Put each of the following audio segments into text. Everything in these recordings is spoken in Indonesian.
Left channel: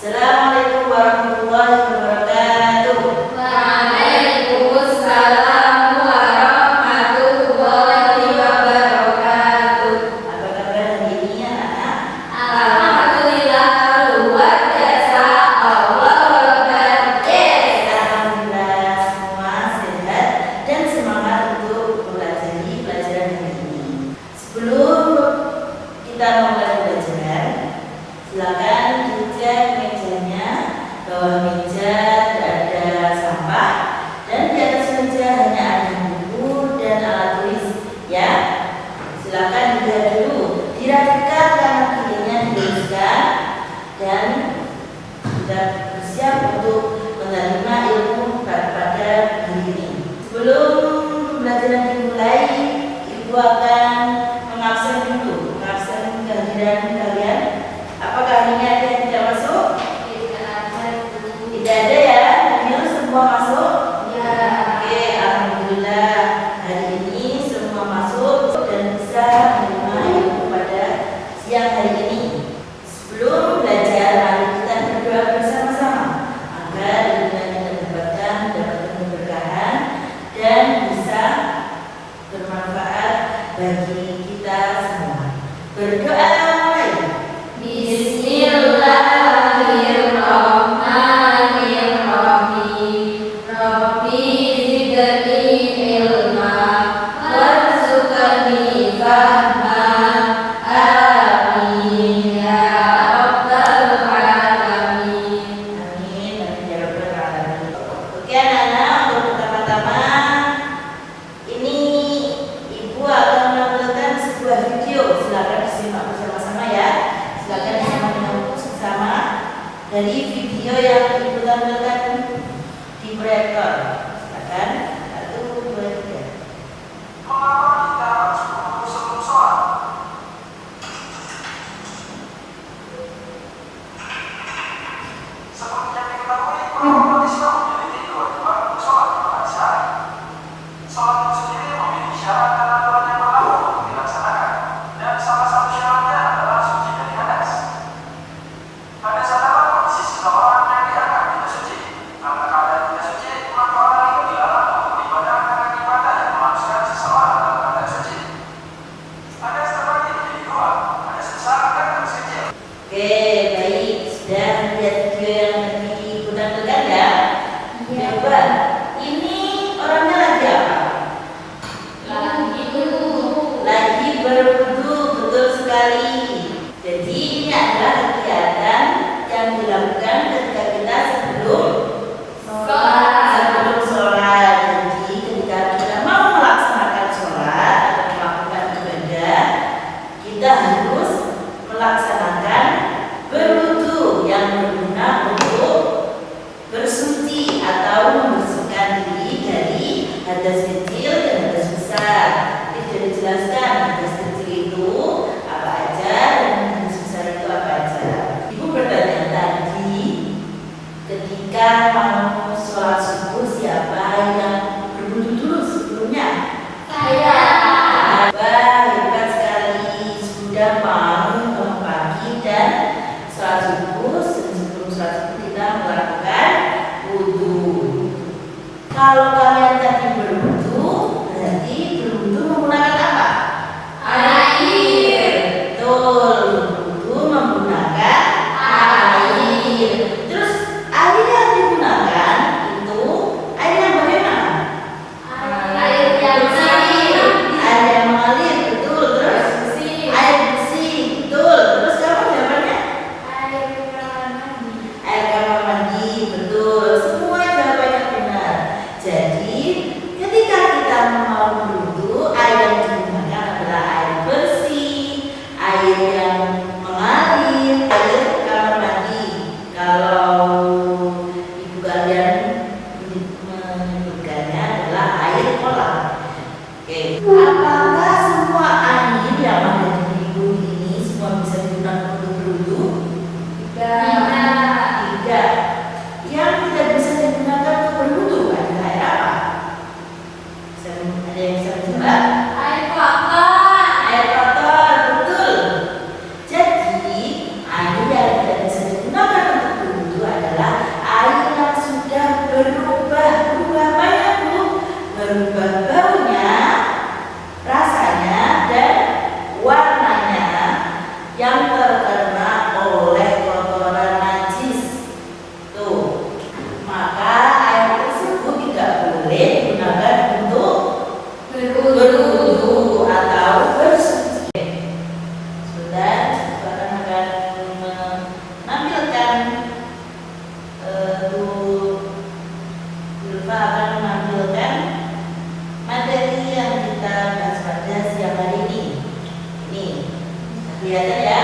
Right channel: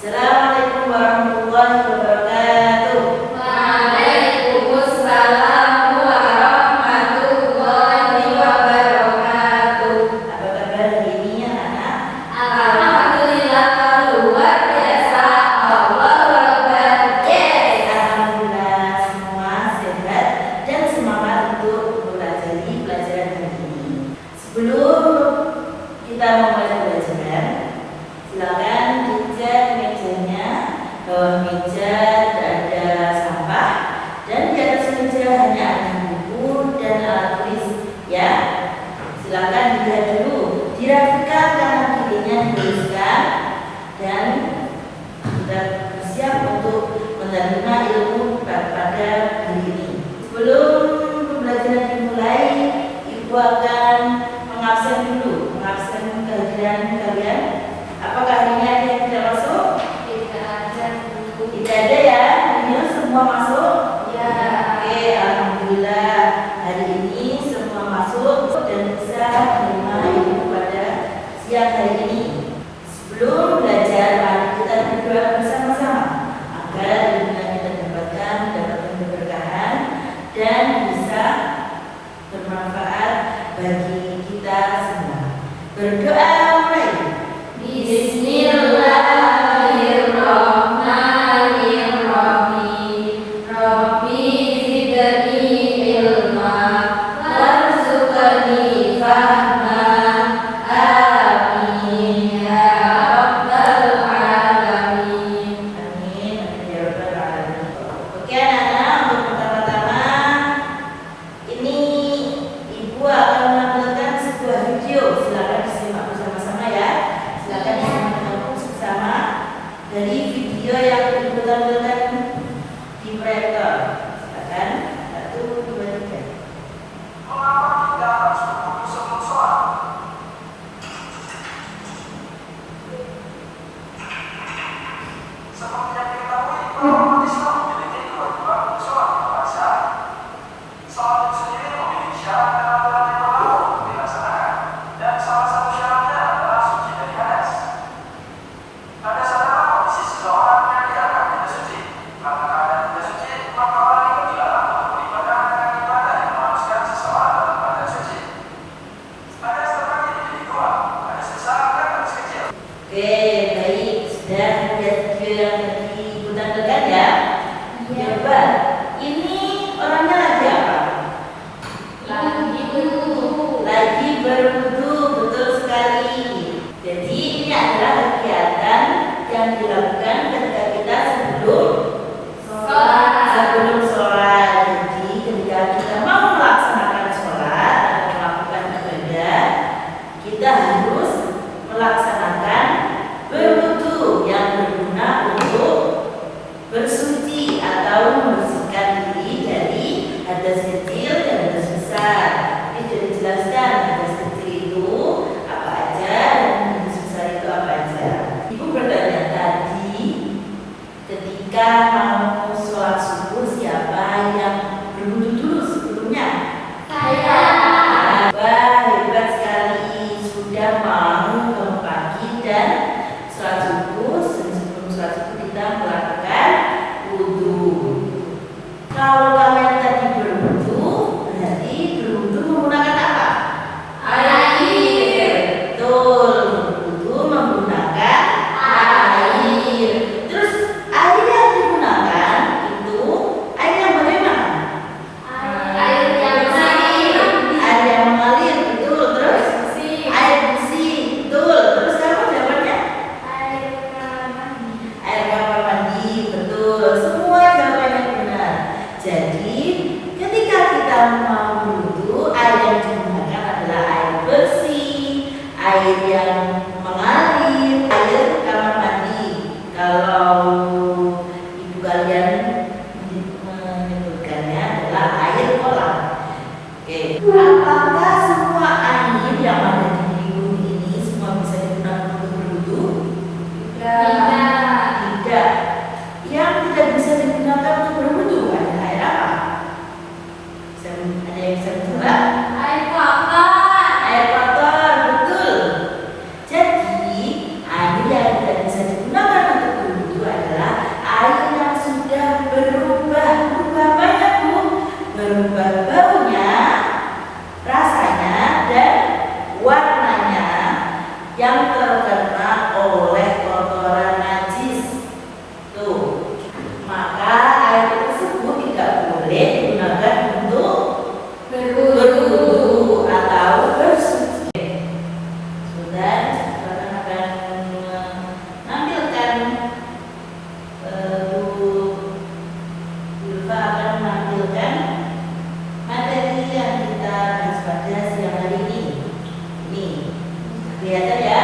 Assalamualaikum warahmatullahi wabarakatuh. Waalaikumsalam warahmatullahi wabarakatuh. Apa kabar hari ini anak-anak? Alhamdulillah luar biasa. Allahu Akbar. Yes. Alhamdulillah semua sehat dan semangat untuk mempelajari pelajaran hari ini. Sebelum kita memulai pelajaran, silakan dicek mejanya. Bawah meja tidak ada sampah dan di atas meja hanya ada buku dan alat tulis ya. Silakan dilihat dulu, dirapikan kanan kirinya, diluruskan dan sudah bersiap untuk menerima ilmu pada hari ini. Sebelum pembelajaran dimulai, Ibu akan mengabsen dulu, mengabsen kehadiran kalian. Apakah hari ini ada yang tidak masuk? Tidak ada ya, hari ini semua masuk? Ya. Oke, alhamdulillah hari ini semua masuk dan bisa menerima ilmu pada siang hari ini. Sebelum belajar, mari kita berdoa bersama-sama agar ilmu yang kita dapatkan mendapatkan keberkahan dan bisa bermanfaat bagi kita semua. Berdoa mulai. Bismillahirrahmanirrahim. Rabbi zidni ilma warzuqni fahma. Amin ya rabbal alamin. Amin. Amin ya rabbal alamin. Oke anak-anak, untuk pertama-tama ini Ibu akan menampilkan sebuah video. Silakan disimak bersama-sama ya. Silakan disimak dengan bersama dari video yang Ibu tampilkan di proyektor. Silakan 1, 2, 3. Mengapa kita harus berwudu sebelum sholat? Seperti yang diketahui bahwa umat Islam memiliki kewajiban untuk sholat pada syarat. Sholat itu sendiri memiliki syarat dan aturan yang berlaku untuk dilaksanakan, dan salah satu syaratnya adalah suci dari hadas. Hadas adalah kondisi seseorang yang dianggap tidak suci. Karena keadaan tidak suci, maka orang itu dilarang untuk beribadah dengan ibadah yang mengharuskan seseorang dalam keadaan suci. Hadas terbagi menjadi dua, hadas besar dan hadas kecil. Oke, baik. Sudah lihat video yang tadi Ibu tampilkan ya? Iya. Coba, ini orangnya lagi apa? Lagi berwudu, betul sekali. Jadi ini adalah kegiatan yang dilakukan ketika kita sebelum sholat. Jadi ketika kita mau melaksanakan sholat atau melakukan ibadah, kita harus melaksanakan berwudu yang berguna untuk bersuci atau membersihkan diri dari hadas kecil dan hadas besar. Ini sudah dijelaskan hadas kecil itu apa aja dan hadas besar itu apa aja. Ibu bertanya tadi ketika mau sholat subuh siapa yang berwudu dulu sebelumnya? Wah, hebat sekali, sudah mau bangun pagi dan sholat subuh. Sebelum sholat subuh kita melakukan wudu. Kalau kalian tadi berwudu, berarti berwudu menggunakan apa? Air. Betul, berwudu menggunakan air. Terus air yang digunakan itu air yang bagaimana? Air yang mengalir. Air yang mengalir, betul. Terus Bersih. air bersih, betul. Terus kamu jawabannya? Air kamar mandi. Air kamar mandi, betul. Semua jawabannya benar. Jadi ketika kita mau berwudu, air yang digunakan adalah air bersih, air yang mengalir, air kamar mandi. Kalau ibu kalian menyebutkannya adalah air kolam. Oke. Apakah semua air yang ada di bumi ini semua bisa digunakan untuk berwudu? Tidak. Yang tidak bisa digunakan untuk berwudu adalah air apa? Ada yang bisa mencoba? Air kotor. Air kotor, betul. yang terkena oleh kotoran najis. Tuh, maka air tersebut tidak boleh digunakan untuk berwudu atau bersuci. Sudah, saya akan menampilkan Ulfa akan menampilkan materi yang kita bahas pada siang hari ini. Nih, kelihatan ya,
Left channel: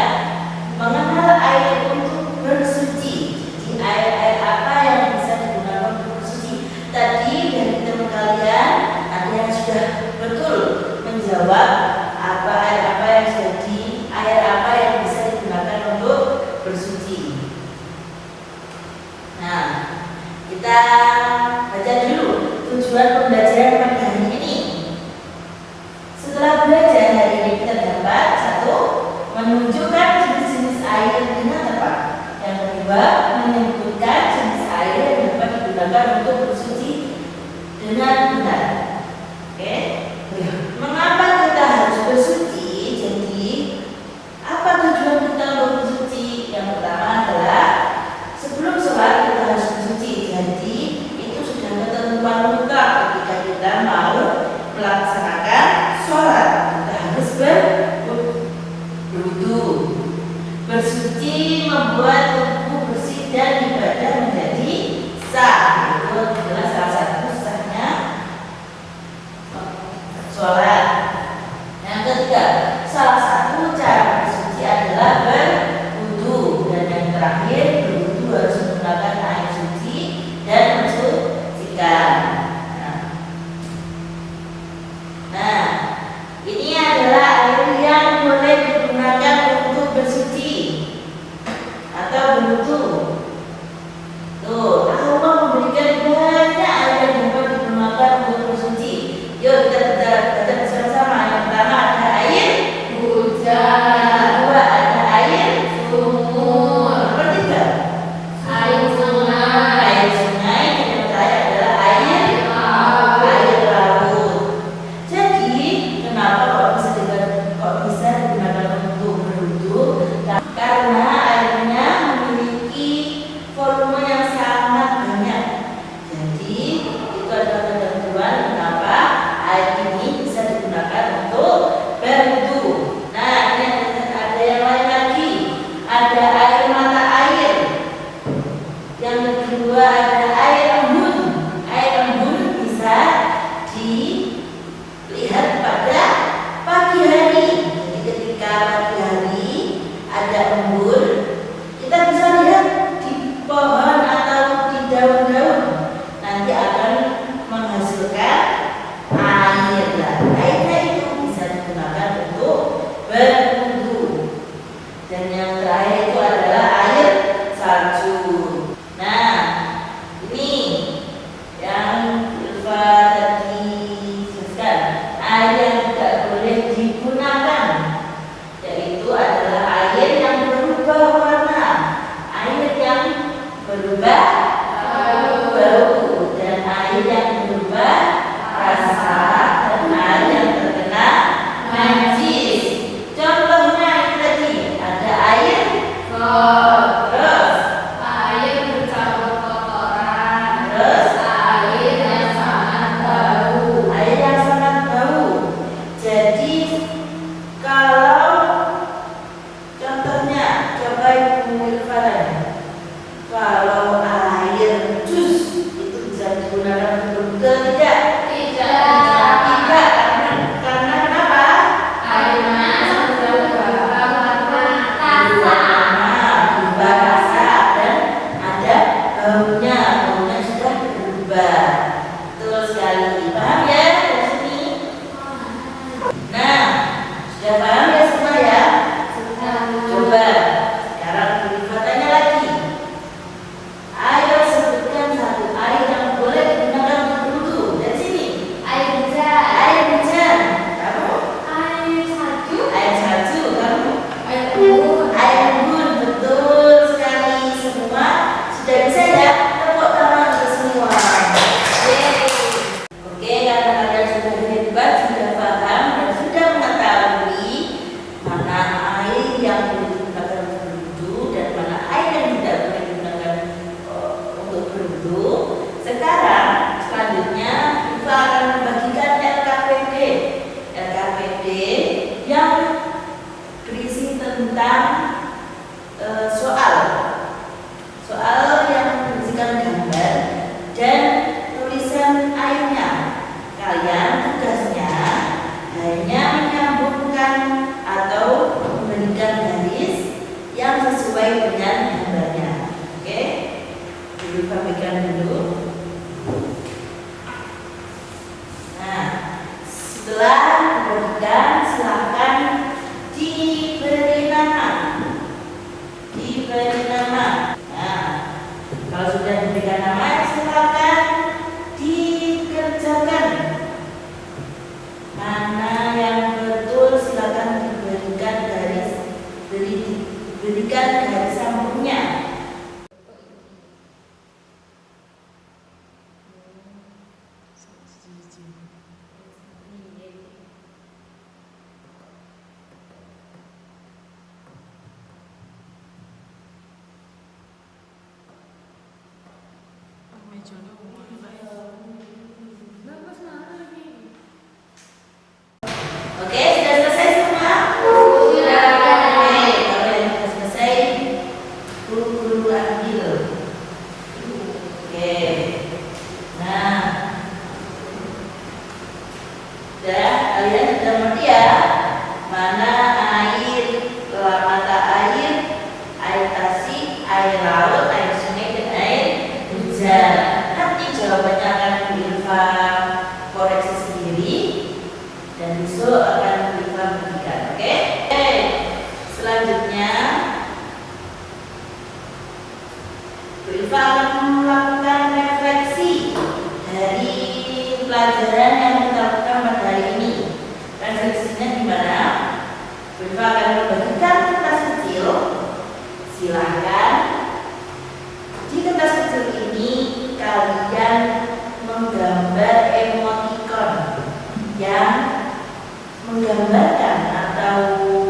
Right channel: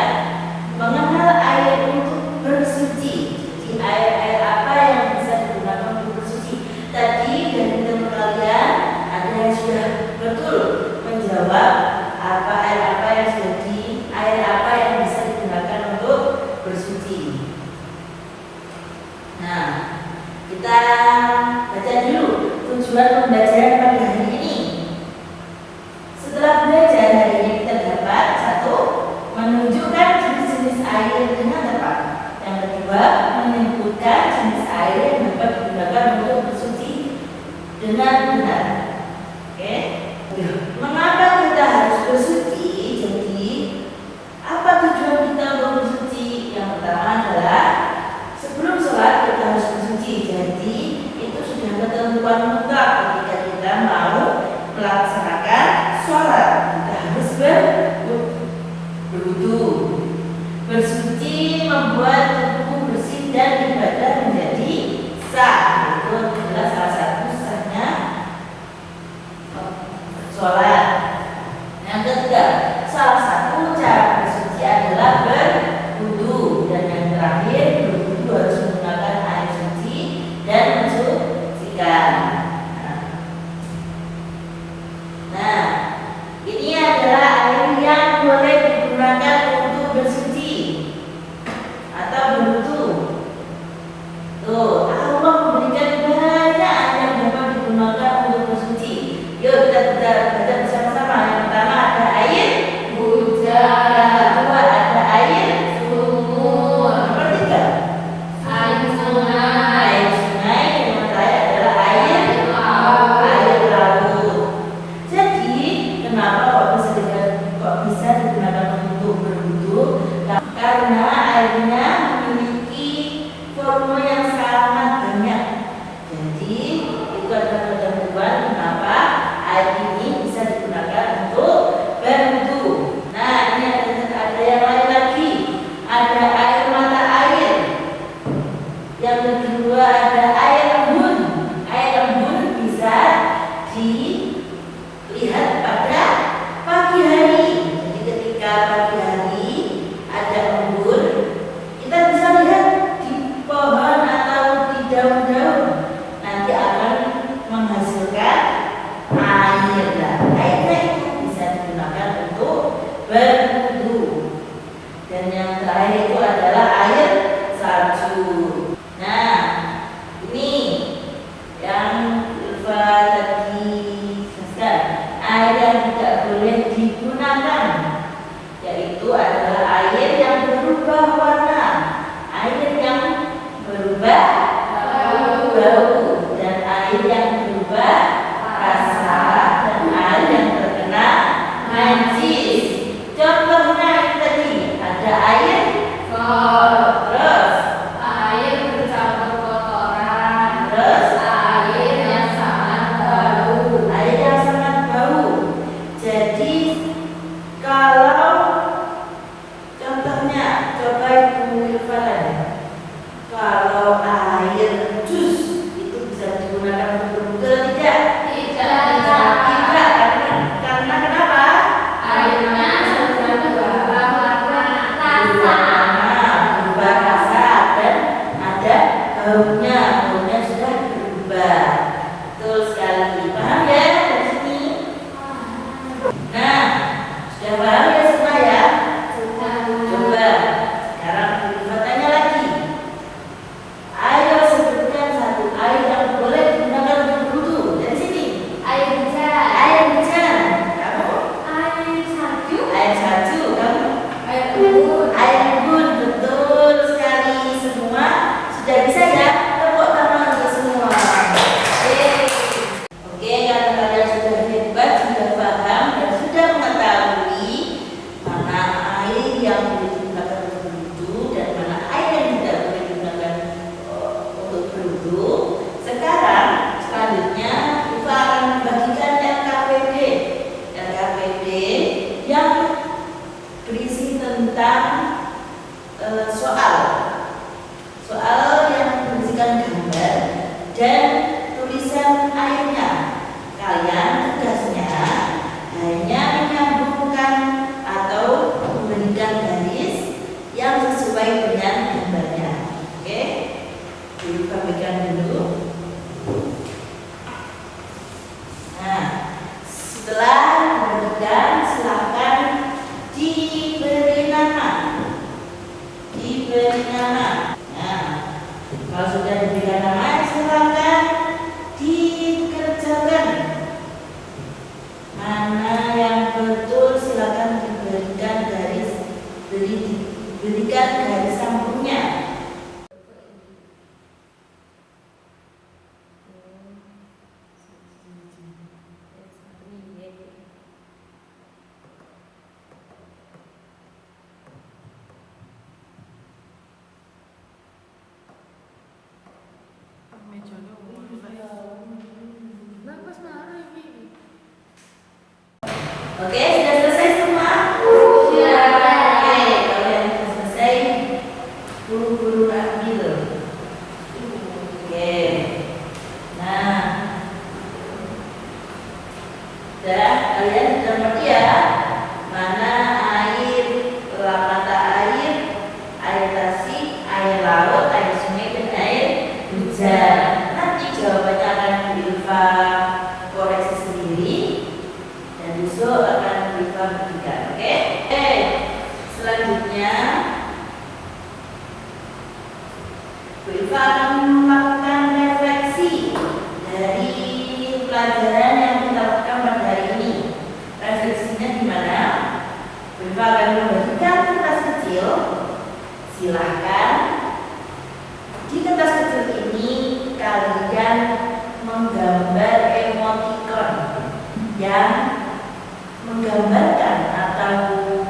mengenal air untuk bersuci. Jadi air apa yang bisa digunakan untuk bersuci? Tadi dari teman kalian ada yang sudah betul menjawab air apa yang bisa digunakan untuk bersuci. Nah, kita baca dulu tujuan pembelajaran pada hari ini. Setelah belajar hari ini kita dapat satu, menunjukkan jenis-jenis air dengan tepat. Yang kedua, menyebutkan jenis air yang dapat digunakan untuk bersuci dengan benar. Oke? Mengapa kita harus bersuci? Jadi, apa tujuan kita untuk bersuci? Yang pertama adalah sebelum sholat kita harus bersuci. Jadi, itu sudah ketentuan mutlak ketika kita mau melaksanakan sholat. Kita harus berwudu. Bersuci membuat tubuh bersih dan ibadah menjadi sah. Itu adalah salah satu sahnya sholat. Yang ketiga, salah satu cara bersuci adalah berwudu. Dan yang terakhir, berwudu harus menggunakan air suci dan mensucikan. Nah, ini adalah air yang boleh digunakan untuk bersuci atau berwudu. Tuh, Allah memberikan banyak air yang dapat digunakan untuk bersuci. Yuk kita baca bersama-sama. Yang pertama ada air hujan. Yang kedua ada air sumur. Yang ketiga Air sungai. air sungai. Yang terakhir adalah air laut. Jadi kenapa kok bisa digunakan untuk berwudu? Karena airnya memiliki volume yang sangat banyak. Jadi itu adalah ketentuan kenapa air ini bisa digunakan untuk berwudu. Nah, ini ada yang lain lagi. Ada air mata air. Yang kedua ada air embun. Air embun bisa dilihat pada pagi hari. Jadi ketika pagi hari ada embun, kita bisa lihat di pohon atau di daun-daun. Nanti akan menghasilkan air. Nah, airnya itu bisa digunakan untuk berwudu. Dan yang terakhir itu adalah air salju. Nah, ini yang Ilva tadi jelaskan. Air yang tidak boleh digunakan, yaitu adalah air yang berubah warna, air yang berubah bau, dan air yang berubah rasa, dan air yang terkena najis. Contohnya ini tadi ada air terus Air bercampur kotoran. terus Air yang sangat bau. air yang sangat bau. Jadi kalau contohnya, coba Ibu Irfan, kalau air jus itu abaikan dulu. Nah, setelah dibagikan silakan diberi nama. Diberi nama. Nah, kalau sudah diberikan nama silakan dikerjakan. Mana yang betul silakan diberikan garis sambungnya. Oke, sudah selesai semua? Sudah. Oke, kalau yang sudah selesai, guru ambil. Oke. Nah, dan kalian sudah mengerti ya mana air, mata air, air tasik, air laut, air sungai, dan air hujan. Nanti jawabannya akan Bu Ilva koreksi sendiri dan besok akan Bu Ilva berikan. Oke? Selanjutnya Bu Ilva akan melakukan refleksi dari pelajaran yang kita lakukan pada hari ini. Refleksinya gimana? Bu Ilva akan membagikan kertas kecil. Silakan di kertas kecil ini kalian menggambar emoticon yang menggambarkan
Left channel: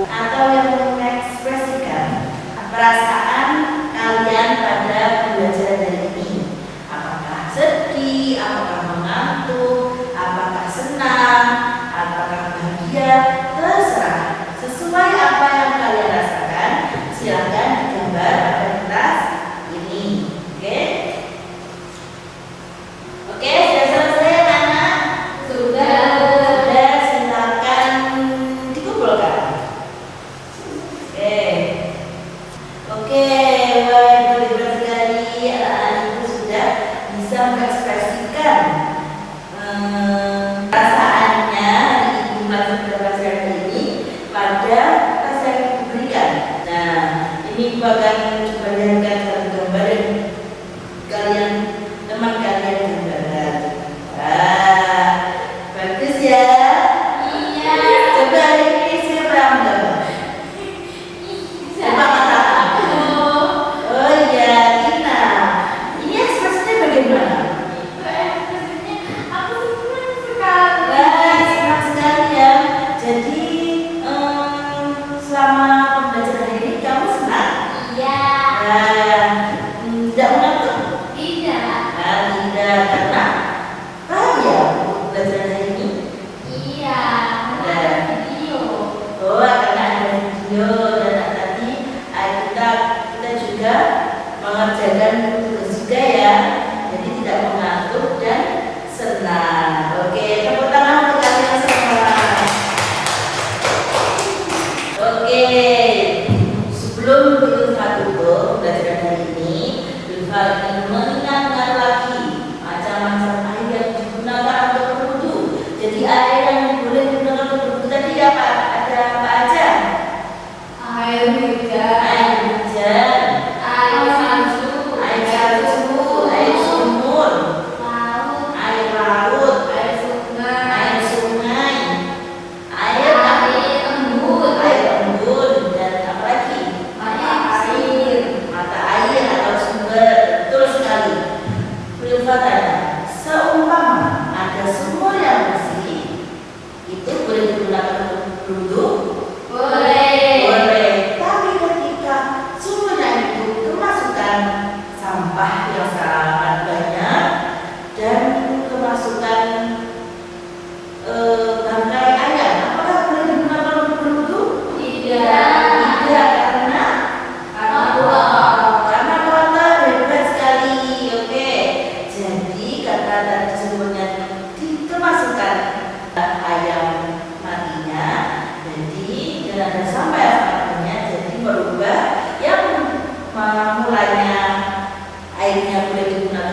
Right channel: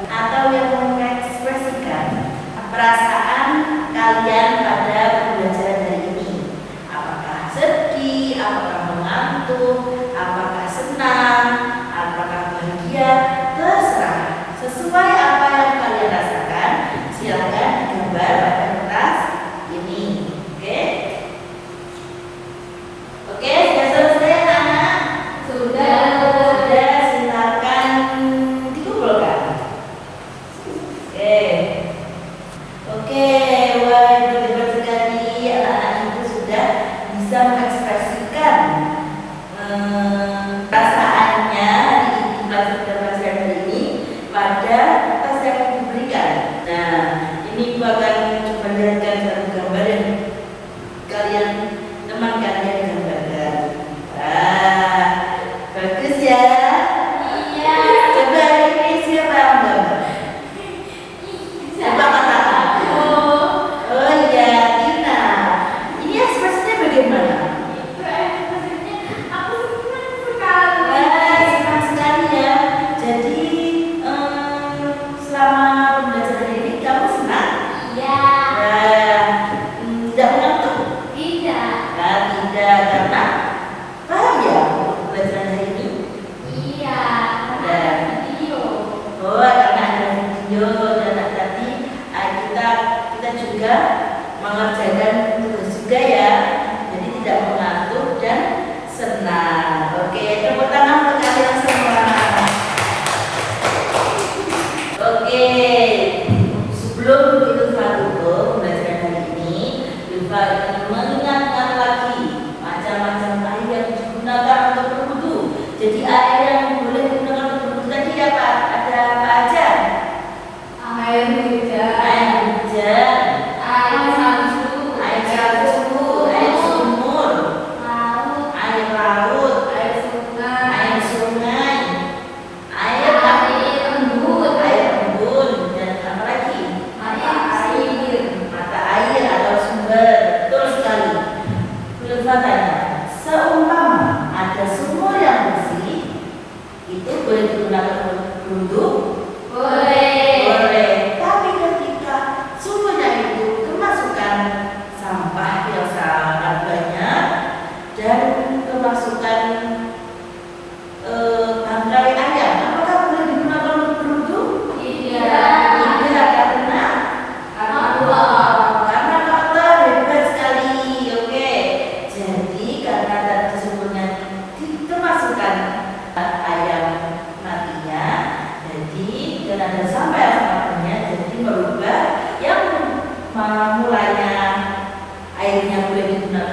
atau yang mengekspresikan perasaan kalian pada pembelajaran hari ini. Apakah sedih, apakah mengantuk, apakah senang, apakah bahagia, terserah. Sesuai apa yang kalian rasakan, silakan digambar pada kertas ini. Oke? Oke, sudah selesai anak? Sudah. Sudah, silakan dikumpulkan. Oke. Oke, wah hebat sekali anak-anak ibu sudah bisa mengekspresikan perasaannya di pelajaran hari ini pada tes yang diberikan. Nah, ini ibu akan coba jadikan satu gambar yang teman kalian gambarkan. Bagus ya. Iya. Coba ini siapa yang gambar? Coba katakan. Oh iya, Dina. Ini ekspresinya bagaimana? Aku senang sekali. Wah, senang sekali ya. Jadi selama pembelajaran ini kamu senang? Iya. Tidak mengantuk? Tidak. Nah, tidak karena ya pembelajaran hari ini. Iya. Ada video. Oh, karena ada video dan tadi kita juga mengerjakan tugas juga ya. Jadi tidak mengantuk dan senang. Oke, tepuk tangan untuk kalian semua. Oke, sebelum Bu Ilva tutup pembelajaran hari ini, Bu Ilva ingin mengingatkan lagi macam-macam air yang digunakan untuk berwudu. Jadi air yang boleh digunakan untuk berwudu tadi apa? Ada apa aja? Air hujan. Air hujan, Air salju. air salju, air sumur, Laut. air laut, Air sungai. air sungai, air embun, dan apa lagi? Mata air atau sumber. Betul sekali. Belum tanya, seumpama ada sumur yang bersih, itu boleh digunakan untuk berwudu? Boleh. Tapi ketika sumurnya itu kemasukan sampah yang sangat banyak dan kemasukan bangkai ayam, apakah boleh digunakan untuk berwudu? Tidak, karena kotor. Hebat sekali. Oke. Jadi karena tadi sumurnya kemasukan ayam matinya, jadi dan ada sampah yang sangat banyak, jadi merubah yang mulanya airnya boleh digunakan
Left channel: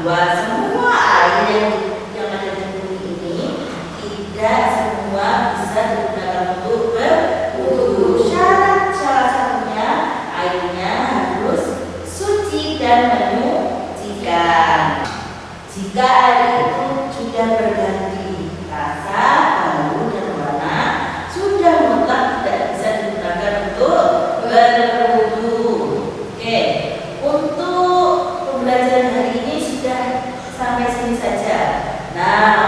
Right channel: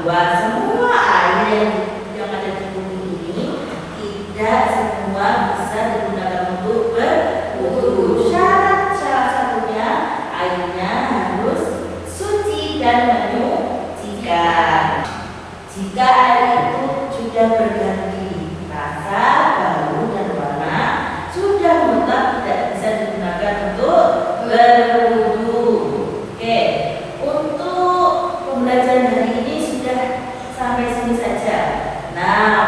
bahwa semua air yang ada di bumi ini tidak semua bisa digunakan untuk berwudu. Syarat salah satunya airnya harus suci dan menyucikan. Jika air itu sudah berganti rasa, bau, dan warna, sudah mutlak tidak bisa digunakan untuk berwudu. Oke, untuk pembelajaran hari ini sudah sampai sini saja. Nah,